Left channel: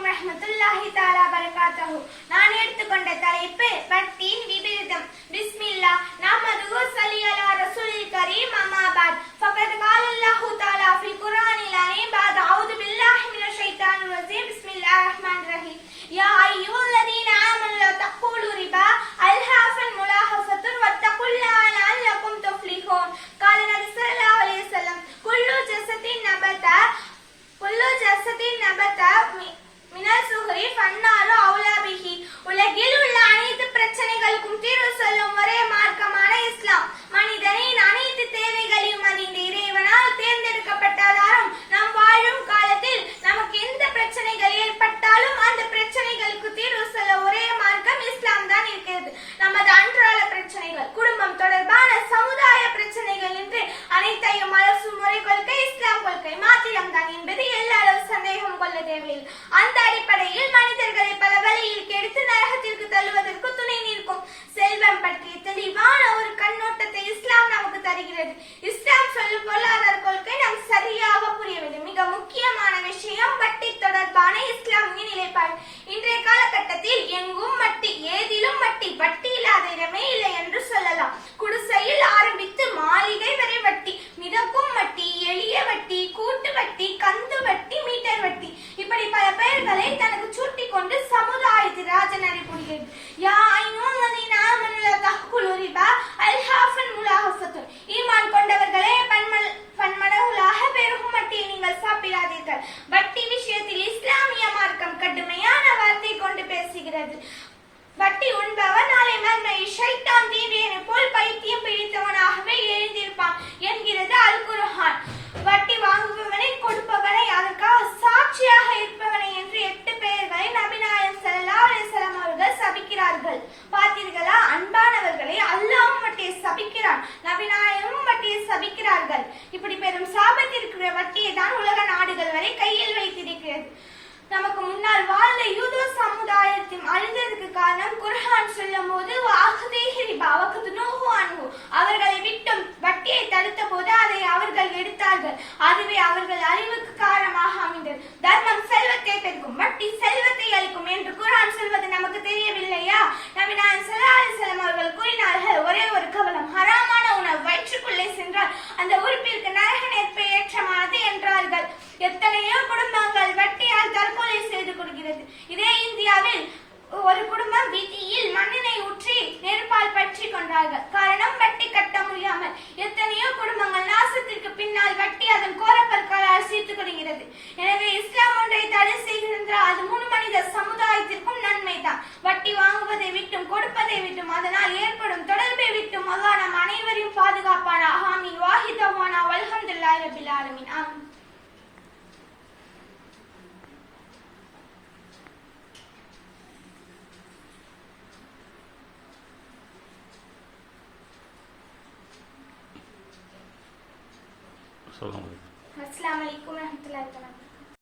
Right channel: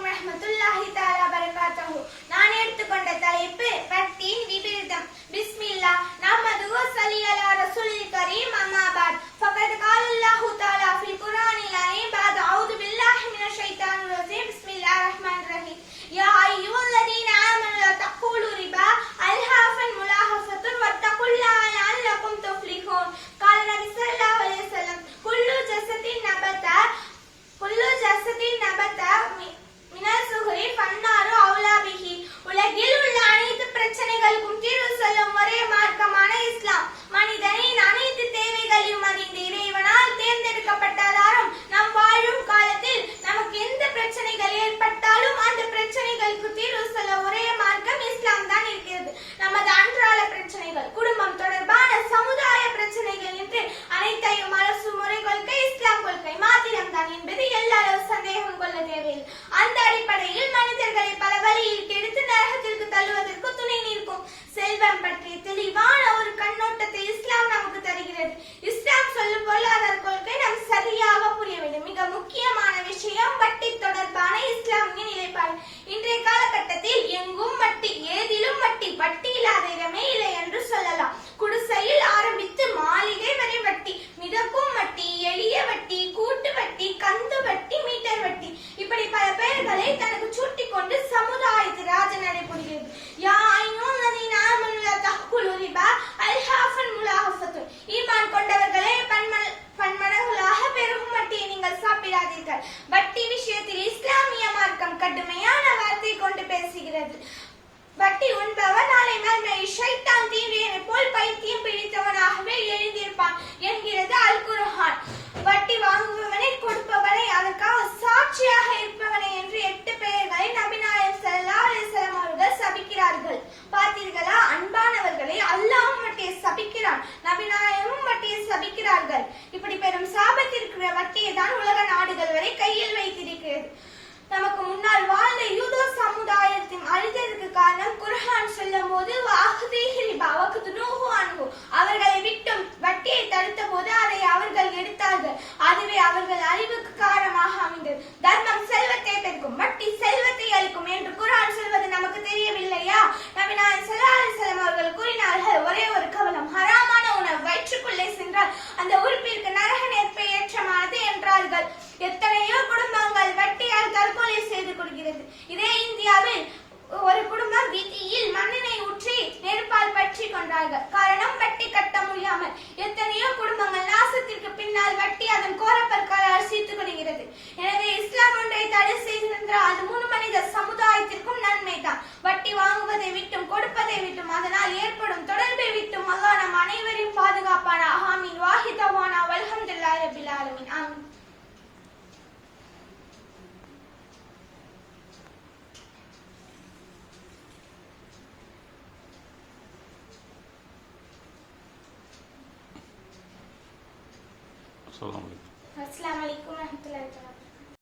அலைக்கும் ரஹமத்துல்லாஹி தாலா பரகாத்தஹு. நான் எடுத்துக்கொண்ட தலைப்பு பக்தியின் என்பது எல்லாரும் சந்தேகம் கொள்ள தேவையில்லை அந்த அடிப்படையில் மனிதர்களை பல வழியில் கெடுத்து நரகத்திற்கு தள்ளுவதற்கு துணை நிற்கும். செல்வம் பற்றிய தெளிவான ஒரு கண்ணோட்டத்தை இஸ்லாம் நமக்கு தருகிறது. இஸ்லாம் சொல்லும் பொருளாதார கொள்கை நாம் சரியாக புரியவில்லை மிக முக்கியமான விஷயம் வட்டி தொடர்பான இஸ்லாமிய நிலைப்பாடு. இன்றைய காலகட்டம் எத்தனையோ குடும்பங்கள் வெட்டியால் தற்கொலை செய்து கொடுக்கிறது இதே இந்தியாவில் ஒரு குடும்பம் வீதியில் மண்ணெண்ணை ஊற்றி நெருப்பால் பற்றி கொண்டார்கள். காரணம் வட்டி கட்ட முடியாமல் எத்தனையோ குடும்பங்கள் நாசத்திற்கு பின்னால் வட்டி அதன் கோரப்பற்களால் சீத்து கொள்கிறது. எனவே இஸ்லாம் ஒன்றை தடை செய்கின்ற அது முழு மனித சமுதாயத்திற்கும் நன்மைதான். வட்டி வாங்குவதை விட்டும் கொடுப்பதை விட்டும் அதனால் ஏற்படும் தொடர்பை விட்டும் அல்லாஹ் நம் அனைவரையும் பாதுகாப்பான ஆமீன். வாஹிதவானா. வல்ஹம்துல்லாஹி ரபில் ஆலமீன். ஆமீன். അസ്സാം വലൈക്കും അസ്സാം വലൈക്കും